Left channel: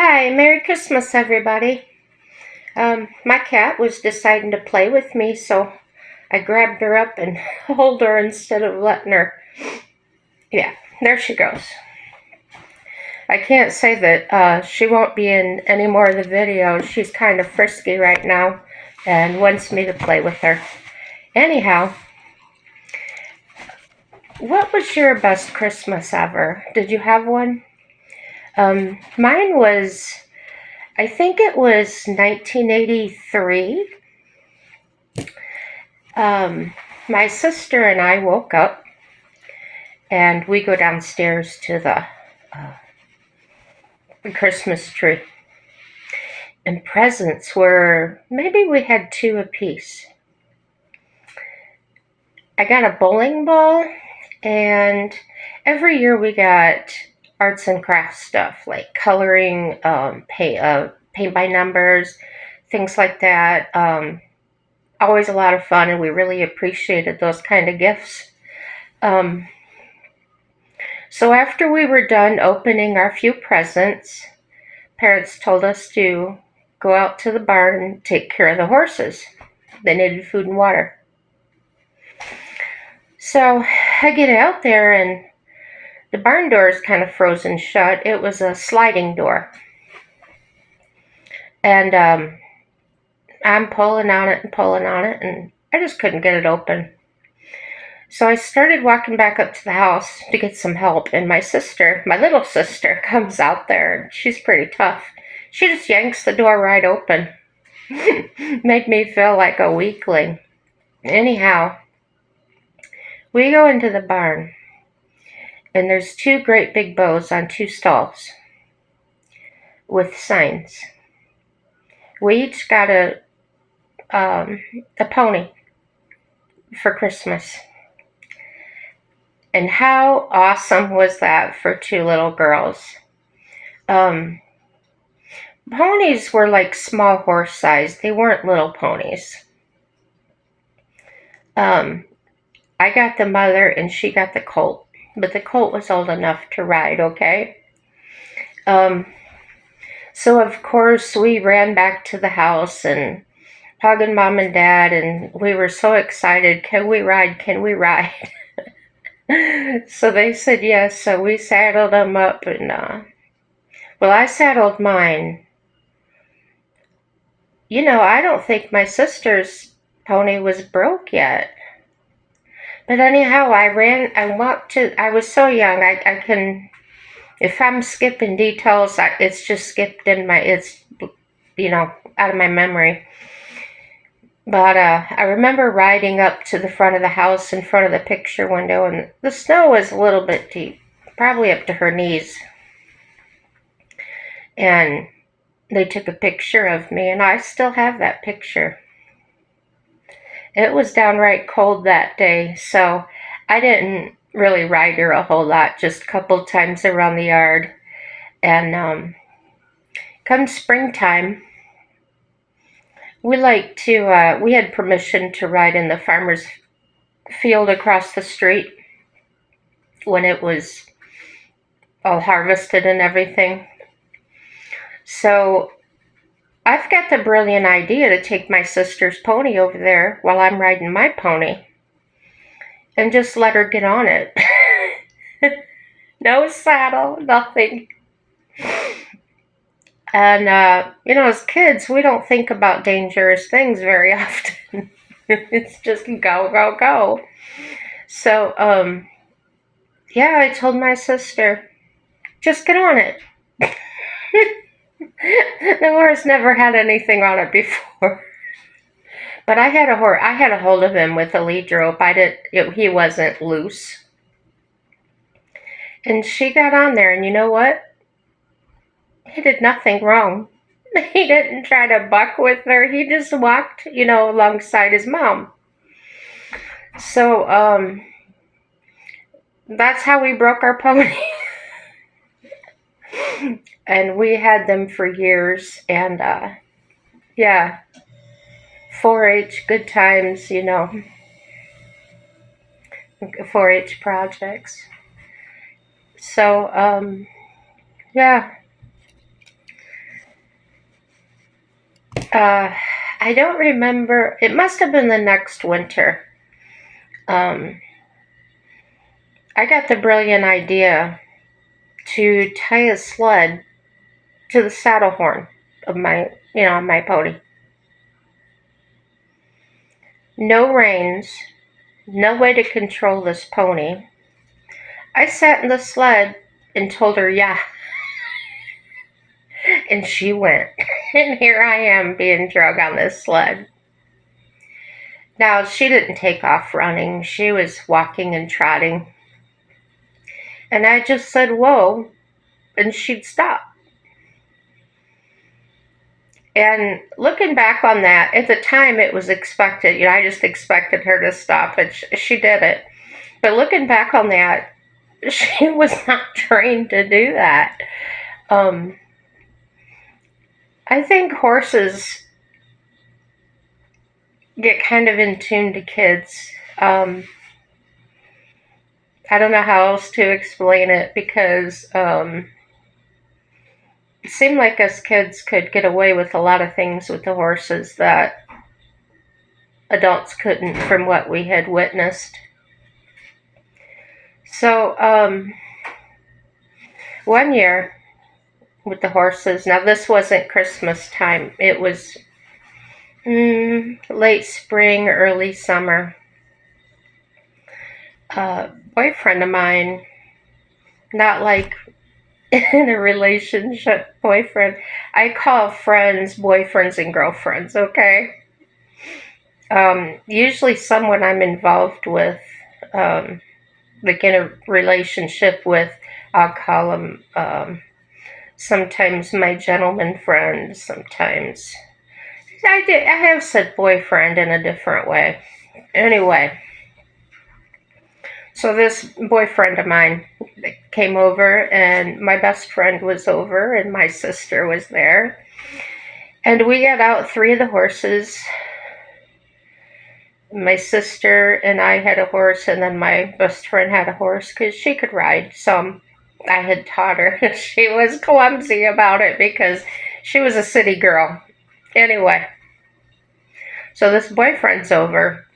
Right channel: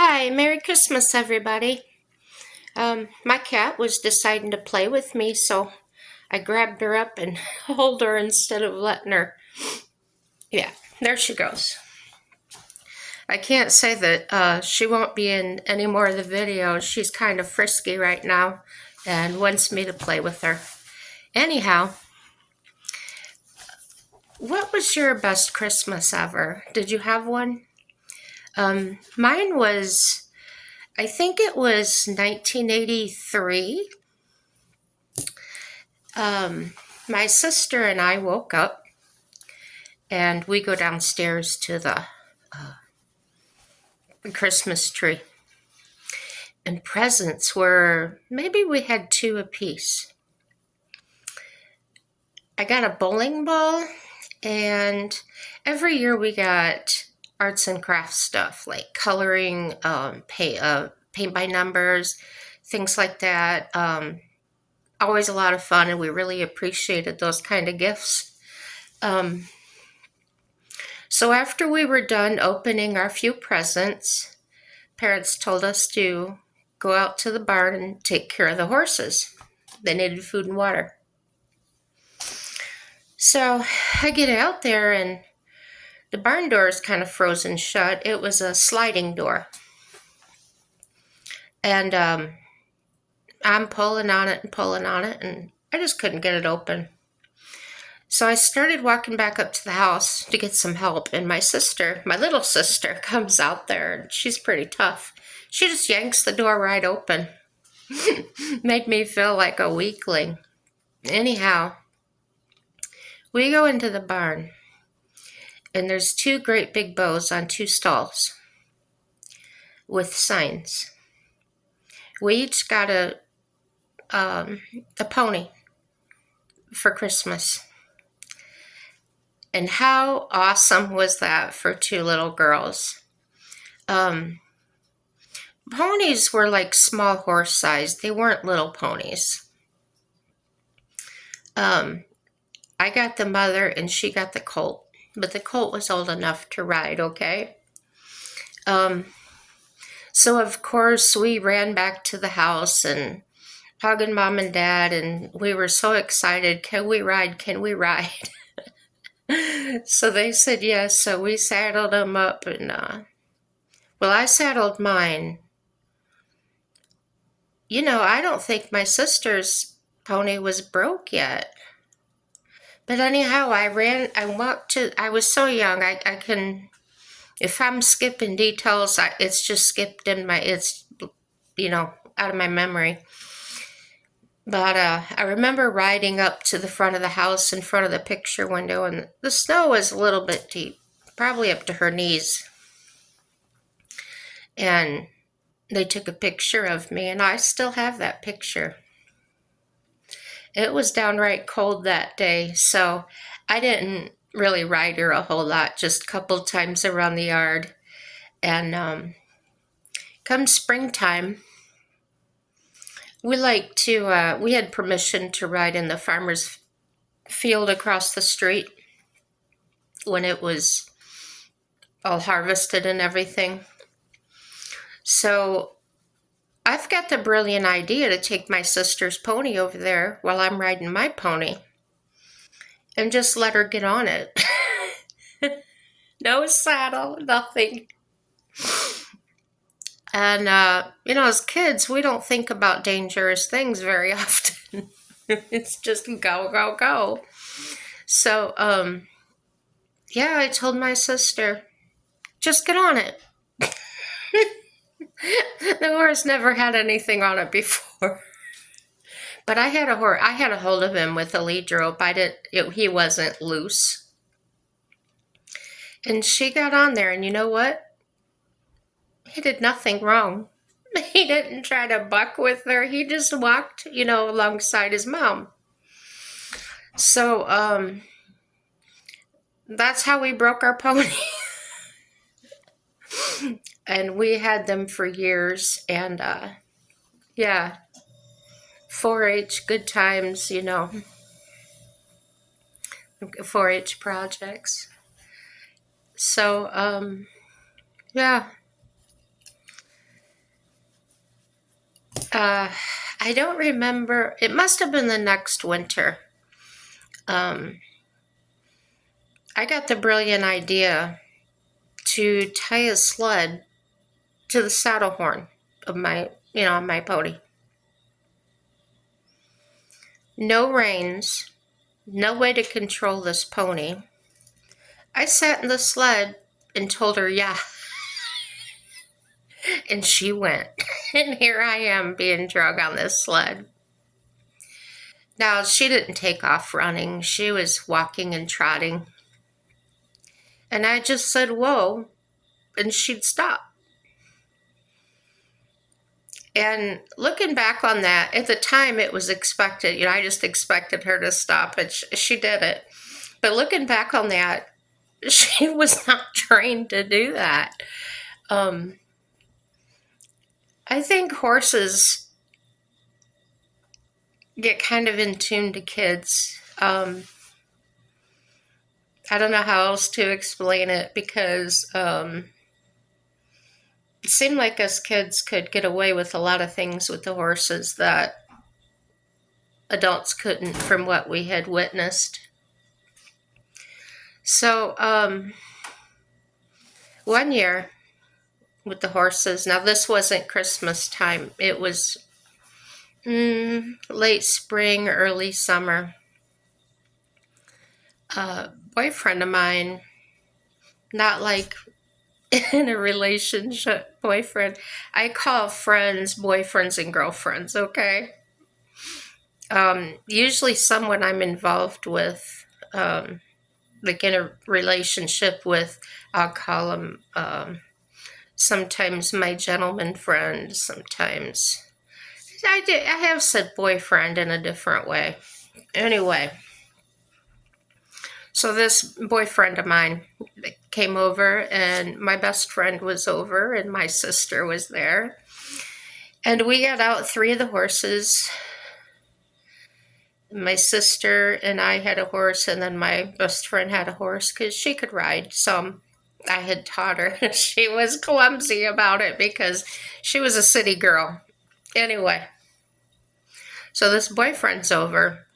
Hi, Merry Christmas, everybody. My cat was deciding to play with me, so I grabbed her up and hold her instead of letting her. Yeah, there she goes. I can't say that she won't be in any more of the videos. She's kind of frisky right now and wants me to play with her. Anyhow, what was your best Christmas ever? Did you have one? Mine was, I think it was 1983. My sister and I woke up and we go downstairs to the Christmas tree. And presents were, maybe we had two apiece. I got a bowling ball, and every year we got arts and crafts stuff like coloring, paint by numbers, things like that. Always a lot of fun, and we really appreciated those kind of gifts. Um, so after we were done opening our few presents, parents told us to go out to the barn and take care of the horses. They needed food and water. So I get out there and the barn door is kind of frozen shut. It was a sliding door. And I'm pulling on it and I just couldn't get it open. So I started walking back up to the house to get some help, and my sister, my little sister, comes out there, and she's pretty tough. She just yanks the door right open. Made me feel like a weakling. Anyhow, we go into the barn, and there's two great big bows on two stalls with signs. We each got a pony for Christmas. And how awesome was that for two little girls? Um, Ponies were like small horse size. They weren't little ponies. Um, I got the mother and she got the colt, but the colt was old enough to ride, okay? Um, so of course we ran back to the house and hugging mom and dad, and we were so excited. Can we ride? Can we ride? So they said yes. So we saddled them up, and well, I saddled mine. I don't think my sister's pony was broke yet. But anyhow, I walked I was so young, I can, if I'm skipping details, it's just skipped it's, out of my memory. But I remember riding up to the front of the house in front of the picture window, and the snow was a little bit deep, probably up to her knees. And they took a picture of me, and I still have that picture. It was downright cold that day, so I didn't really ride her a whole lot, just a couple times around the yard. And come springtime, we had permission to ride in the farmer's field across the street when it was all harvested and everything. So I've got the brilliant idea to take my sister's pony over there while I'm riding my pony and just let her get on it. No saddle, nothing. And, as kids, we don't think about dangerous things very often. It's just go, go, go. So, yeah, I told my sister, just get on it. The horse never had anything on it before. But I had a hold of him with a lead rope. He wasn't loose. And she got on there, and you know what? He did nothing wrong. He didn't try to buck with her. He just walked, alongside his mom. So, that's how we broke our pony. And we had them for years. And, yeah, 4-H, good times, 4-H projects. So, yeah, Uh, I don't remember. It must have been the next winter. Um, I got the brilliant idea to tie a sled to the saddle horn of my pony. No reins, no way to control this pony. I sat in the sled and told her, yeah, and she went. And here I am being drug on this sled. Now, she didn't take off running, she was walking and trotting. And I just said, whoa, and she'd stop. And looking back on that, at the time it was expected. I just expected her to stop, and she did it. But looking back on that, she was not trained to do that. I think horses get kind of in tune to kids. I don't know how else to explain it because it seemed like us kids could get away with a lot of things with the horses that adults couldn't from what we had witnessed. So, one year with the horses, now this wasn't Christmas time, it was late spring, early summer. A boyfriend of mine, not like in a relationship boyfriend, I call friends boyfriends and girlfriends, okay? Usually someone I'm involved with, like in a relationship with, I'll call them sometimes my gentleman friend, sometimes I have said boyfriend in a different way. Anyway, so this boyfriend of mine came over, and my best friend was over, and my sister was there. And we got out 3 of the horses. My sister and I had a horse, and then my best friend had a horse because she could ride some. I had taught her. She was clumsy about it because she was a city girl. Anyway, so this boyfriend's over,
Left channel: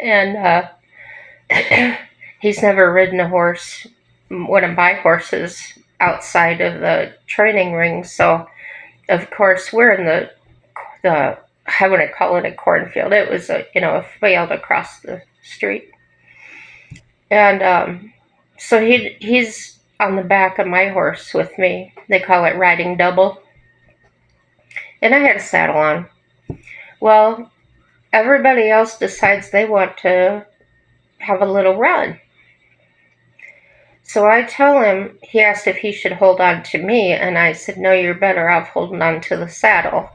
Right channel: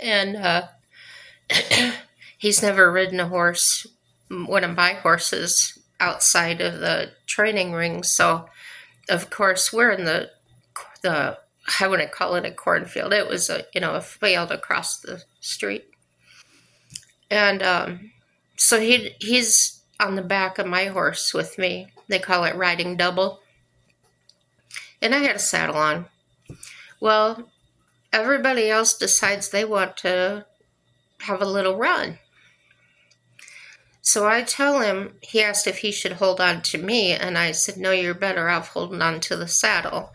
and he's never ridden a horse, one of my horses, outside of the training ring. So, of course, we're in the I wouldn't call it a cornfield. It was a field across the street, and so he's on the back of my horse with me. They call it riding double, and I had a saddle on. Well, everybody else decides they want to have a little run. So I tell him, he asked if he should hold on to me, and I said, no, you're better off holding on to the saddle,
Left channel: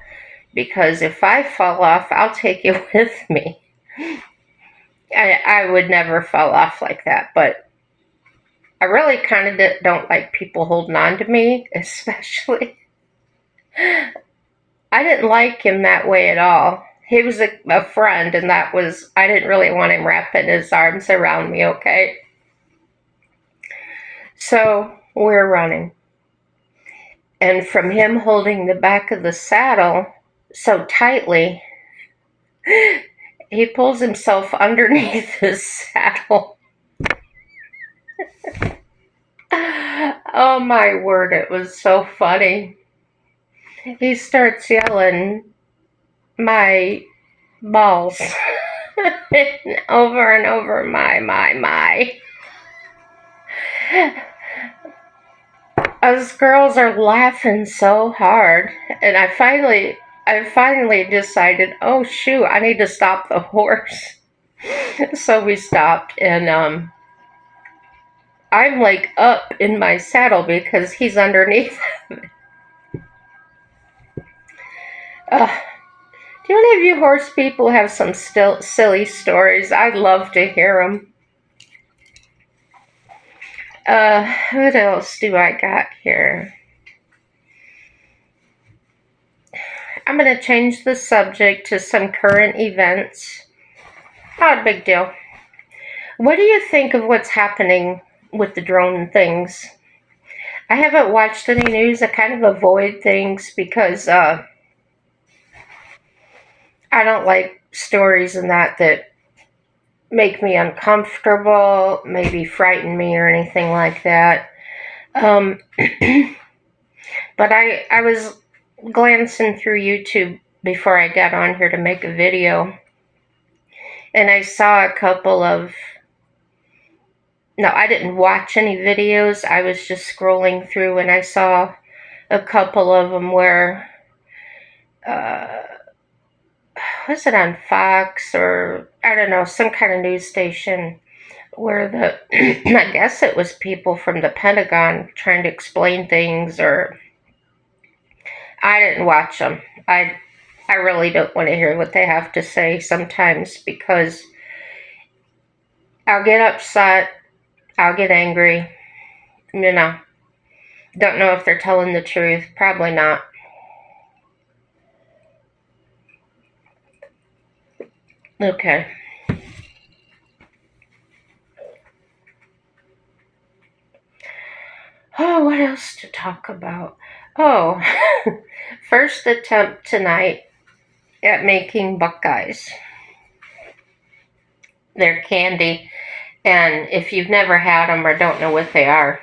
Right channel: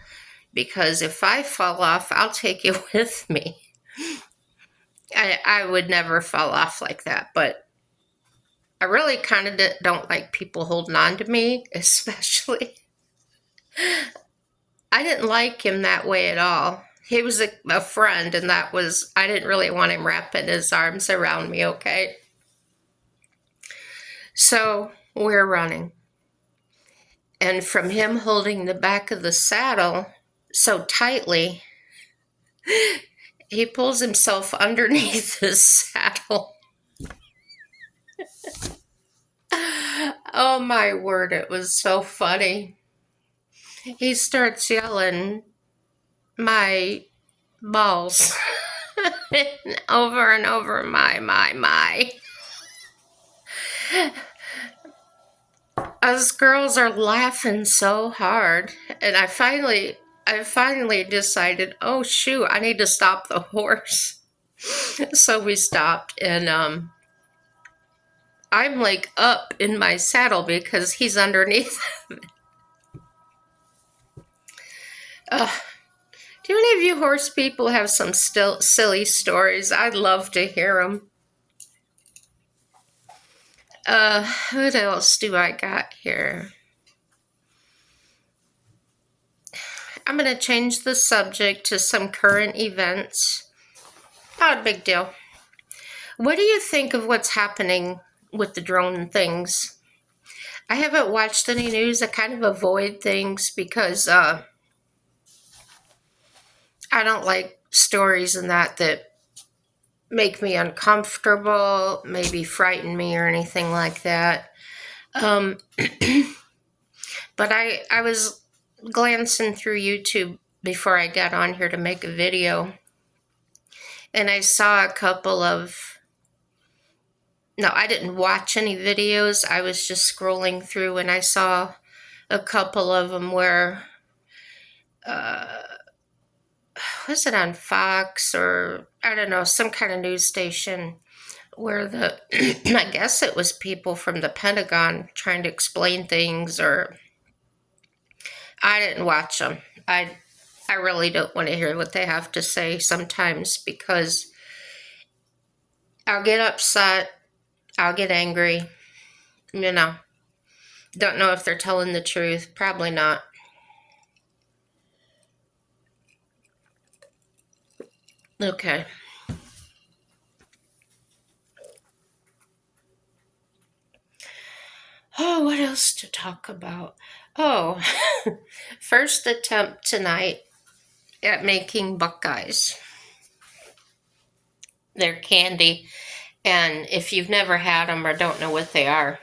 because if I fall off, I'll take you with me. I would never fall off like that, but I really kind of don't like people holding on to me, especially. I didn't like him that way at all. He was a friend, and I didn't really want him wrapping his arms around me, okay? So we're running. And from him holding the back of the saddle so tightly, he pulls himself underneath his saddle. Oh my word, it was so funny. He starts yelling, my balls. Over and over, my. Us girls are laughing so hard, and I finally decided, oh shoot, I need to stop the horse. So we stopped, and I'm like up in my saddle because he's underneath. Do any of you horse people have some still silly stories? I'd love to hear them. What else do I got here? I'm going to change the subject to some current events. Not a big deal. What do you think of what's happening with the drone things? I haven't watched any news. I kind of avoid things because I don't like stories and that make me uncomfortable, maybe frighten me or anything like that. Um, but I was glancing through YouTube before I got on here to make a video, and I saw a couple of. No, I didn't watch any videos. I was just scrolling through, and I saw a couple of them where uh, was it on Fox or I don't know, some kind of news station where the I guess it was people from the Pentagon trying to explain things, or I didn't watch them. I really don't want to hear what they have to say sometimes because I'll get upset, I'll get angry, you know. Don't know if they're telling the truth, probably not. Okay. Oh, what else to talk about? Oh, first attempt tonight at making Buckeyes. They're candy, and if you've never had them or don't know what they are,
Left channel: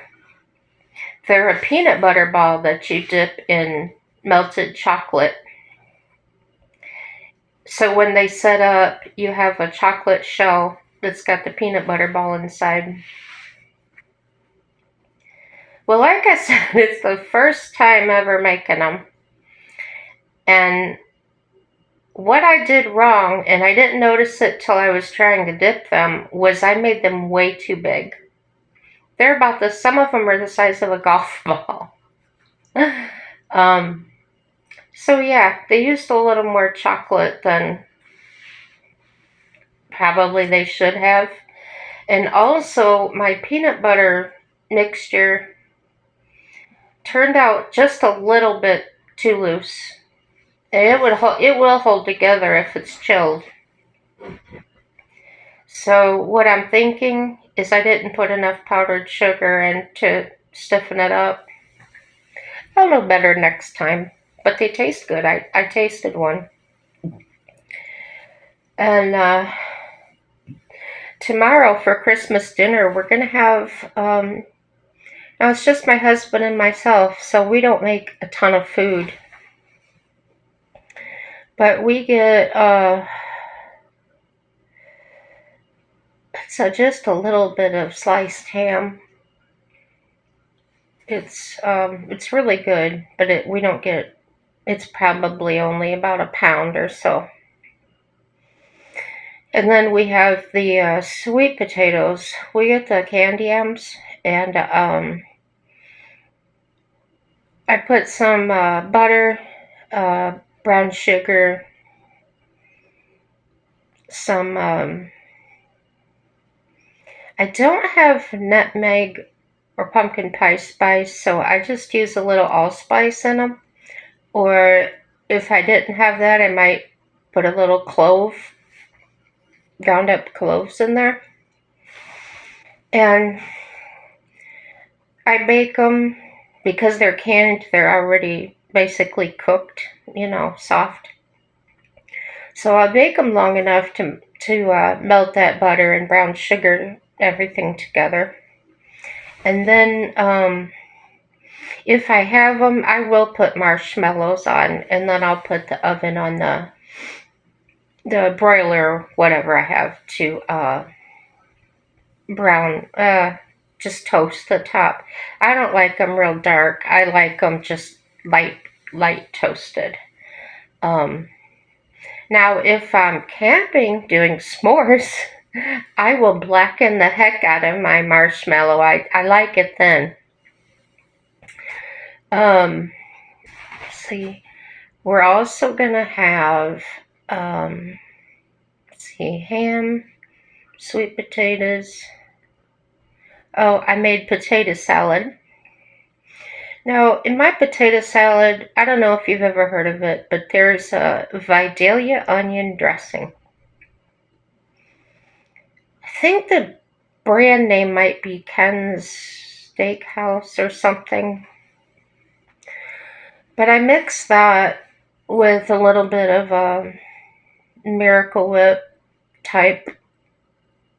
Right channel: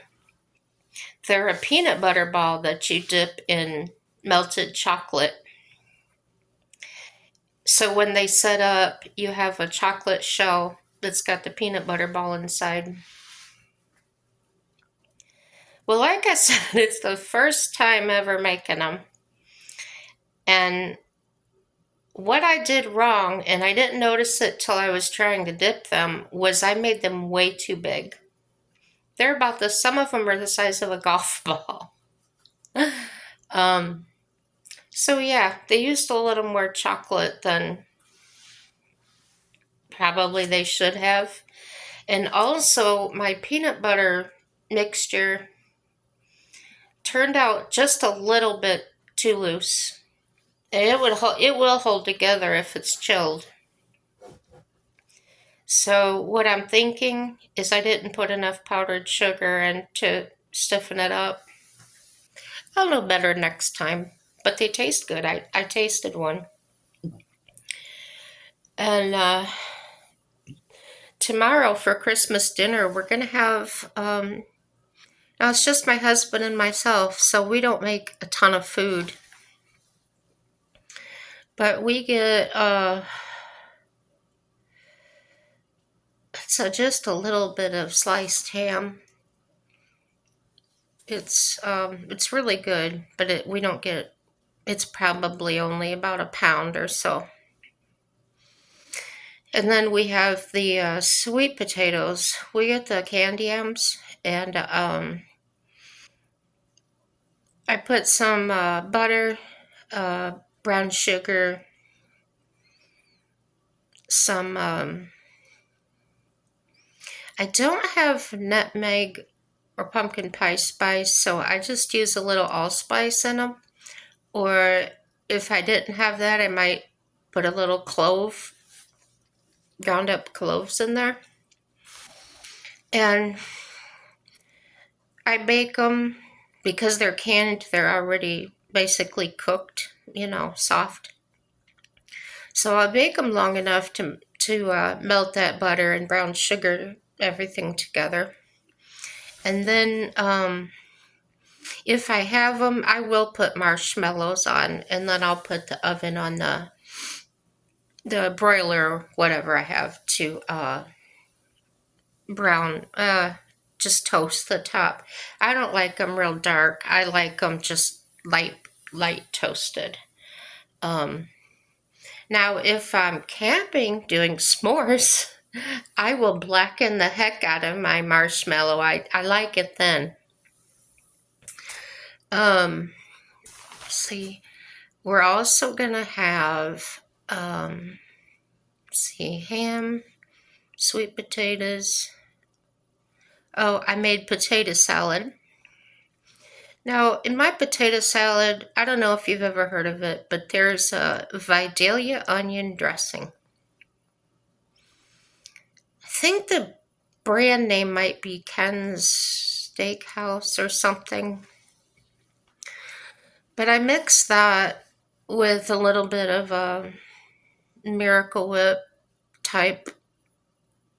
they're a peanut butter ball that you dip in melted chocolate. So when they set up, you have a chocolate shell that's got the peanut butter ball inside. Well, like I said, it's the first time ever making them. And what I did wrong, and I didn't notice it till I was trying to dip them, was I made them way too big. They're about some of them are the size of a golf ball. um, so yeah, they used a little more chocolate than probably they should have. And also, my peanut butter mixture turned out just a little bit too loose. And it will hold together if it's chilled. So what I'm thinking is I didn't put enough powdered sugar in to stiffen it up. I'll know better next time. But they taste good. I tasted one. And tomorrow for Christmas dinner, we're going to have. Now, it's just my husband and myself, so we don't make a ton of food. But we get. So just a little bit of sliced ham. It's really good, but we don't get. It's probably only about a pound or so. And then we have the sweet potatoes. We get the candy yams, and I put some butter, uh, brown sugar, some. I don't have nutmeg or pumpkin pie spice, so I just use a little allspice in them. Or if I didn't have that, I might put a little clove, ground up cloves in there. And I bake them because they're canned, they're already basically cooked, soft. So I'll bake them long enough to melt that butter and brown sugar, everything together. And then if I have them, I will put marshmallows on, and then I'll put the oven on the broiler, whatever I have, to brown, just toast the top. I don't like them real dark. I like them just light toasted. Um, Now, if I'm camping doing s'mores, I will blacken the heck out of my marshmallow. I like it then. Um, see, we're also gonna have ham, sweet potatoes. Oh, I made potato salad. Now, in my potato salad, I don't know if you've ever heard of it, but there's a Vidalia onion dressing. I think the brand name might be Ken's Steakhouse or something. But I mix that with a little bit of Miracle Whip type,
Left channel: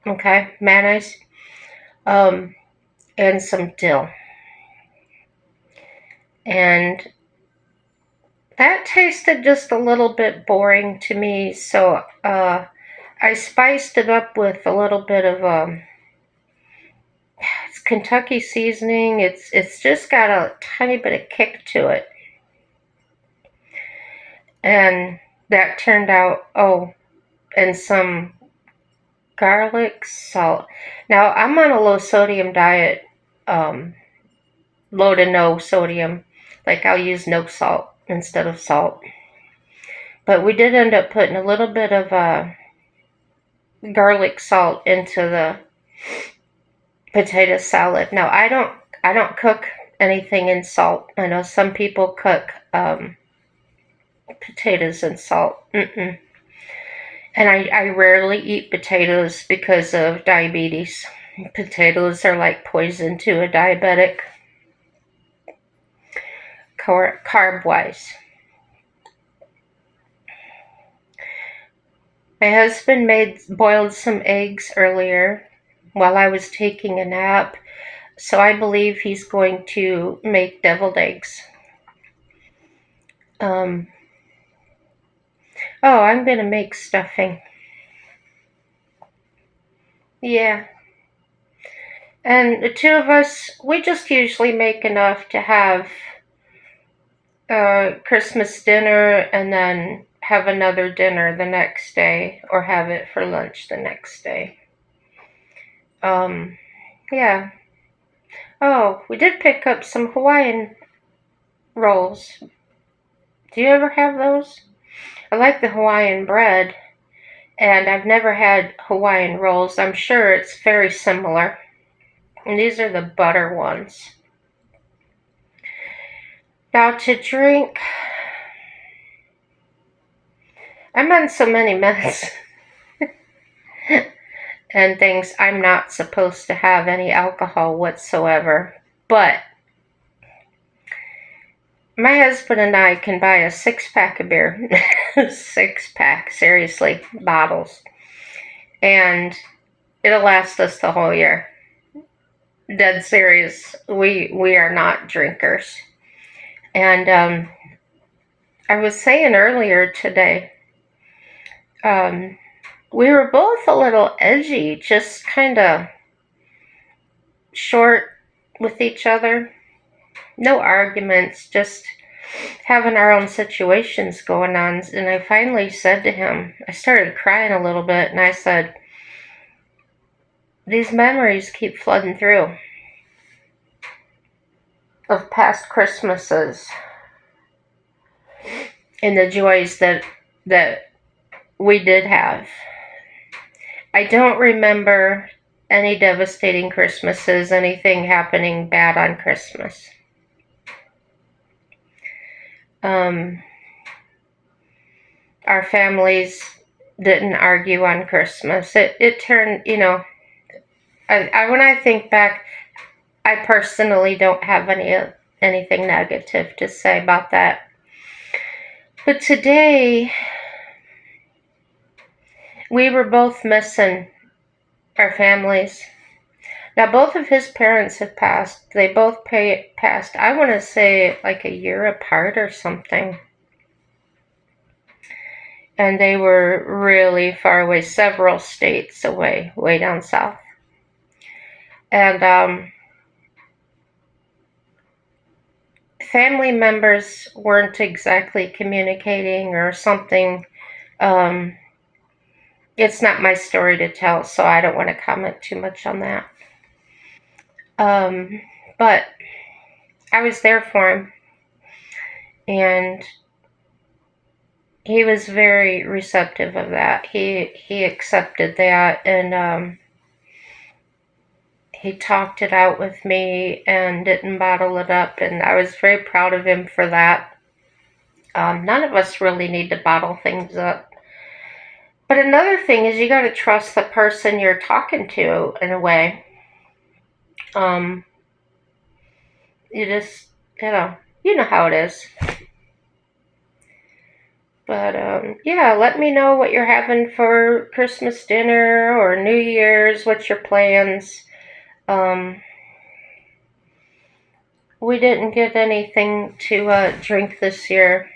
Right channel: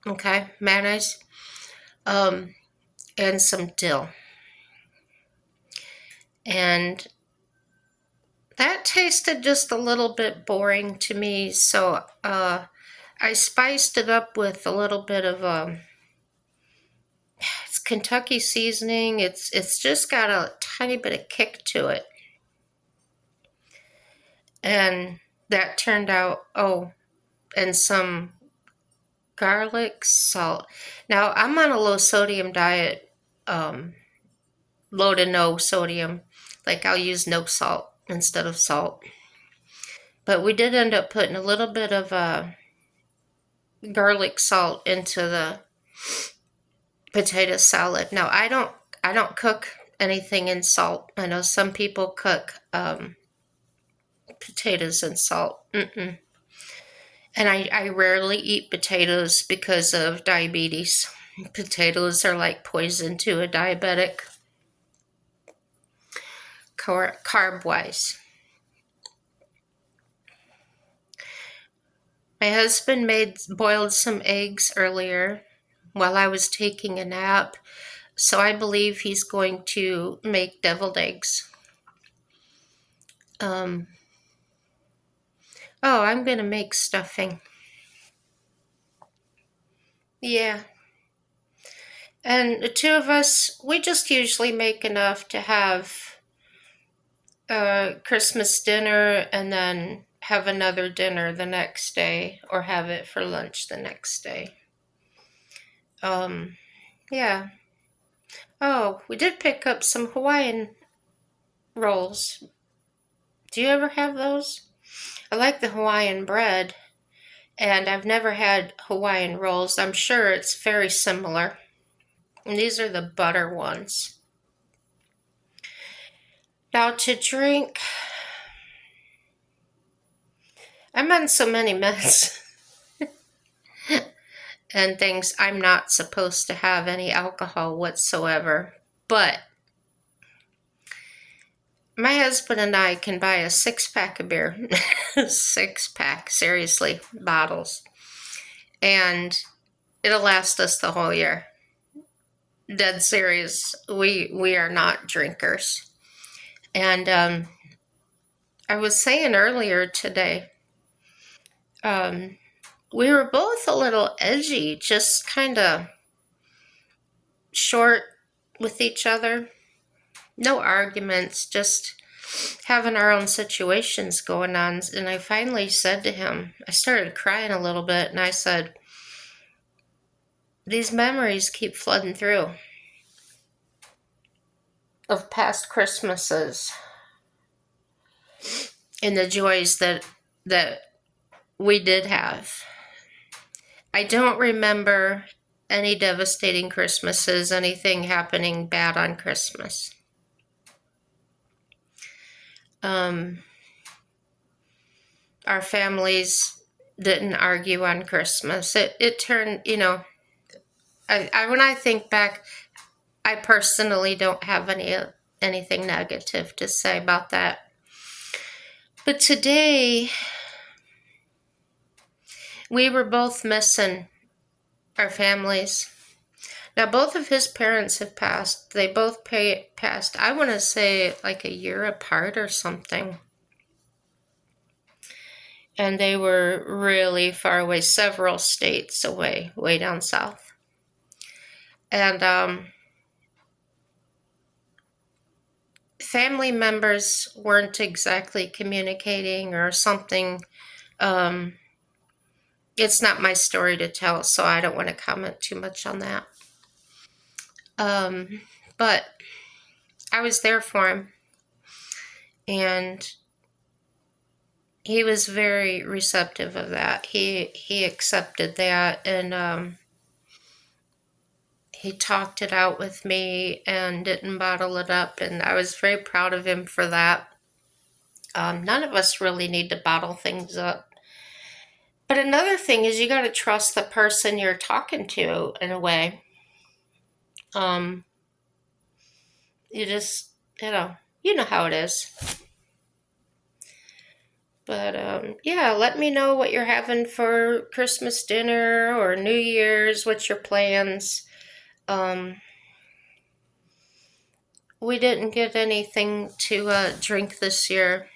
okay, mayonnaise, um, and some dill. And that tasted just a little bit boring to me, so I spiced it up with a little bit of it's Kentucky seasoning. It's just got a tiny bit of kick to it, and that turned out, oh, and some garlic salt. Now I'm on a low sodium diet, um, low to no sodium. Like I'll use no salt instead of salt. But we did end up putting a little bit of garlic salt into the potato salad. Now I don't cook anything in salt. I know some people cook potatoes in salt. Mm-mm. And I rarely eat potatoes because of diabetes. Potatoes are like poison to a diabetic, carb wise. My husband boiled some eggs earlier while I was taking a nap, so I believe he's going to make deviled eggs. Um, oh, I'm gonna make stuffing. Yeah, and the two of us, we just usually make enough to have Christmas dinner and then have another dinner the next day or have it for lunch the next day. Um, yeah. Oh, we did pick up some Hawaiian rolls. Do you ever have those? I like the Hawaiian bread, and I've never had Hawaiian rolls. I'm sure it's very similar. And these are the butter ones. Now to drink, I'm on so many meds and things. I'm not supposed to have any alcohol whatsoever. But my husband and I can buy a 6-pack of beer. 6-pack, seriously, bottles. And it'll last us the whole year. Dead serious. We are not drinkers. And I was saying earlier today, um, we were both a little edgy, just kind of short with each other. No arguments, just having our own situations going on. And I finally said to him, I started crying a little bit, and I said, these memories keep flooding through of past Christmases and the joys that we did have. I don't remember any devastating Christmases, anything happening bad on Christmas. Our families didn't argue on Christmas. It turned, when I think back, I personally don't have anything negative to say about that. But today, we were both missing our families. Now, both of his parents have passed. They both passed, I want to say, like a year apart or something. And they were really far away, several states away, way down south. And family members weren't exactly communicating or something. It's not my story to tell, so I don't want to comment too much on that. But I was there for him, and he was very receptive of that. He accepted that, and he talked it out with me and didn't bottle it up, and I was very proud of him for that. None of us really need to bottle things up. But another thing is you got to trust the person you're talking to in a way. Um, you just, you know how it is. But yeah, let me know what you're having for Christmas dinner or New Year's. What's your plans? Um, we didn't get anything to drink this year,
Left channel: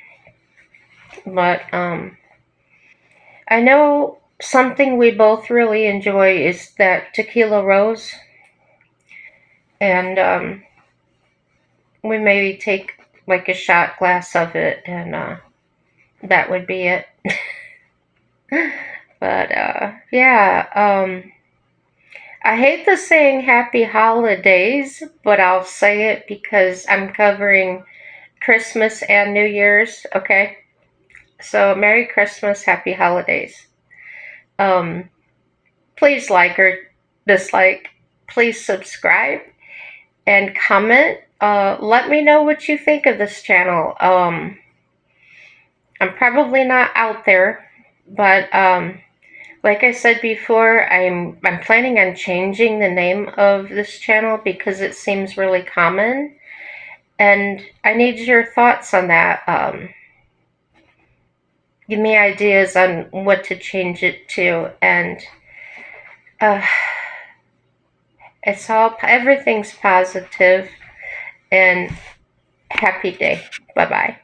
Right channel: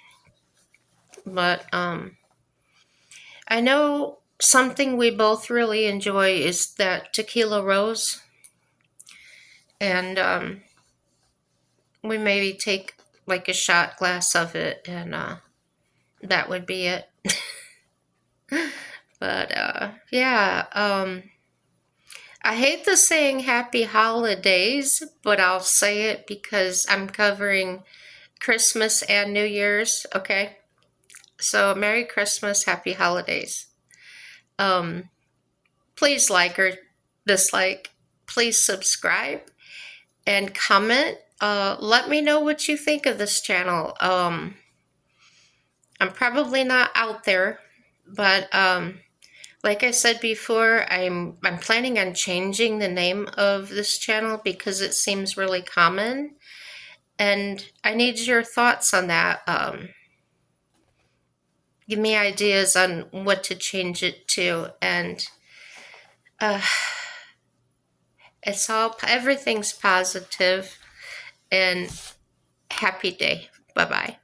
but I know something we both really enjoy is that tequila rose, and we maybe take like a shot glass of it, and that would be it. But yeah, I hate the saying happy holidays, but I'll say it because I'm covering Christmas and New Year's, okay? So Merry Christmas, Happy Holidays. Um, please like or dislike, please subscribe and comment. Let me know what you think of this channel. I'm probably not out there, but like I said before, I'm planning on changing the name of this channel because it seems really common, and I need your thoughts on that. Give me ideas on what to change it to, and uh, everything's positive, and happy day. Bye bye.